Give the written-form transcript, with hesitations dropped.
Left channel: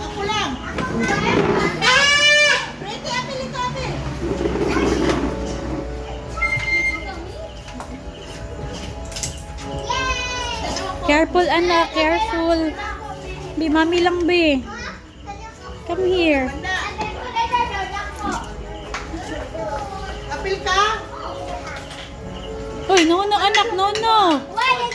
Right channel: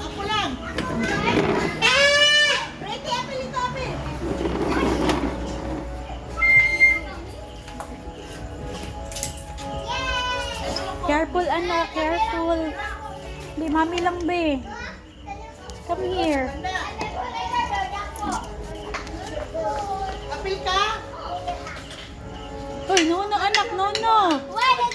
Ako lang. Pretty, apil ito, apil. Careful anak, careful. Be, mami lang be. Come here. Apil ka? Uy, no anak, no. Why